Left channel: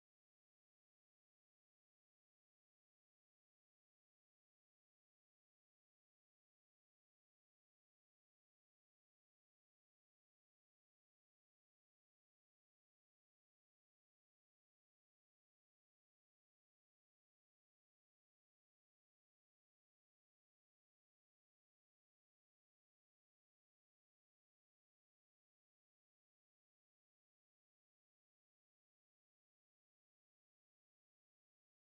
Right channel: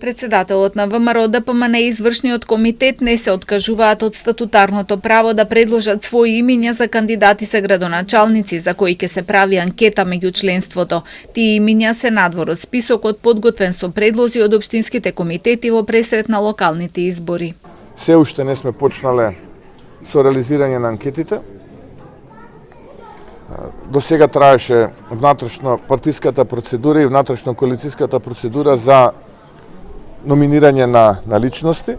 Председателот на ВМРО ДПМН и извршниот комитет не се откажуваат од статутарното право да предложат своји имиња за кандидати за градоначалници за кои ќе се прави анкета меѓу членството. Тие имиња се надвор од списокот подготвен со предлози од општинските комитети во пресрет на локалните избори. Се уште не сме почнале со реализирање на анкетите. До сега траеше внатрешно партиската процедура и внатрешно коалицијската процедура за номинирање на личности.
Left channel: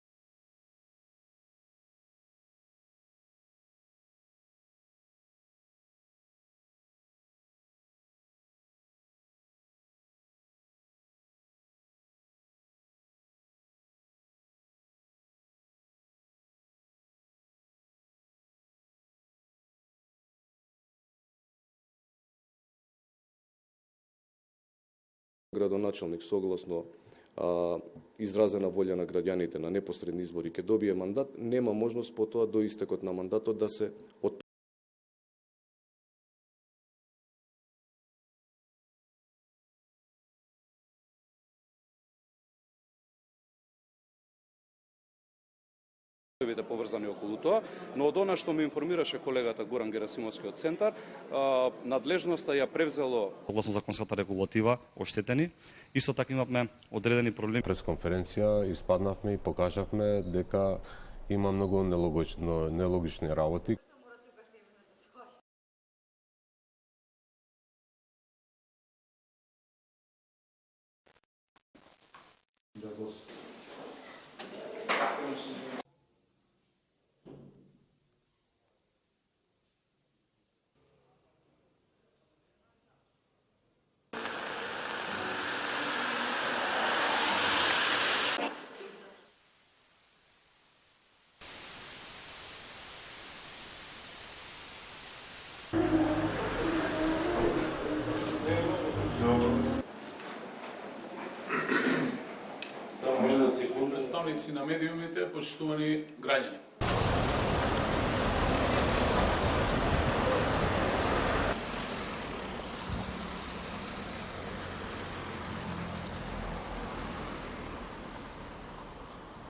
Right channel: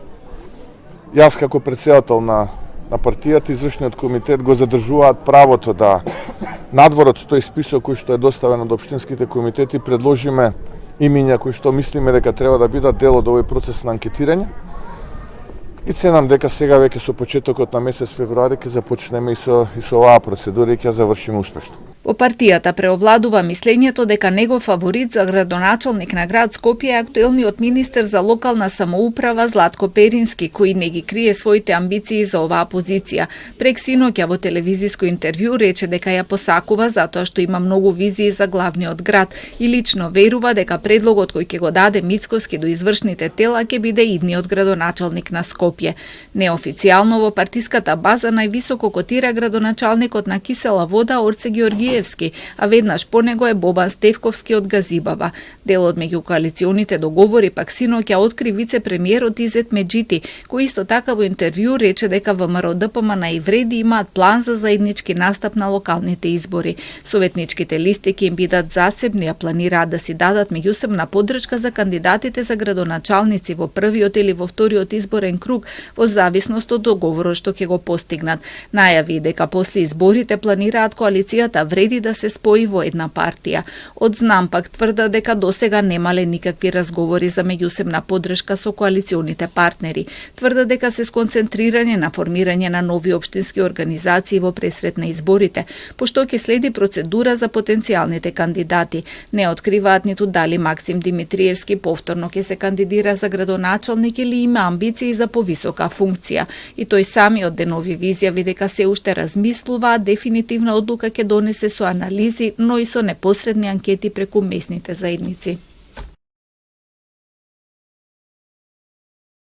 Јас како председател на партијата, извршниот комитет го задржуваат правото да надвор од тој список кој што е доставен од општинските комитети предложиме имиња кои што мислиме дека треба да бидат дел од овој процес на анкетирање. И ценам дека сега веќе со почетокот на месец февруари ќе започнеме и со оваа процедура и ќе завршиме успешно. Во партијата преовладува мислењето дека негов фаворит за градоначалник на град Скопје е актуелниот министер за локална самоуправа Златко Перински, кој не ги крие своите амбиции за оваа позиција. Прек синоќа во телевизиско интервју рече дека ја посакува затоа што има многу визии за главниот град и лично верува дека предлогот кој ќе го даде Мицкоски до извршните тела ќе биде идниот градоначалник на Скопје. Неофицијално во партиската база највисоко котира градоначалникот на Кисела Вода Орце Георгиевски, а веднаш по него е Бобан Стевковски од Газибава. Дел од меѓукоалиционите договори пак синоќа откри вице-премиерот Изет Меджити, кој исто така во интервју рече дека ВМРО ДПМН и Вреди имаат план за заеднички настап на локалните избори. Советничките листи ќе им бидат засебни, а планираат да си дадат меѓусебна поддршка за кандидатите за градоначалници во првиот или во вториот изборен круг во зависност од договорот што ќе го постигнат. Најави дека после изборите планираат коалицијата Вреди да се спои во една партија. Од Знам пак тврда дека досега немале никакви разговори за меѓусебна поддршка со коалиционите партнери. Тврда дека се сконцентрирање на формирање на нови општински организации во пресрет на изборите, пошто ќе следи процедура за потенцијалните кандидати. Не откриваат ниту дали Максим Димитриевски повторно ќе се кандидира за градоначалник или има амбиции за повисока функција. И тој самиот денови изјави дека се уште размислува, дефинитивна одлука ќе донесе со анализи, но и со непосредни анкети преку местните заедници.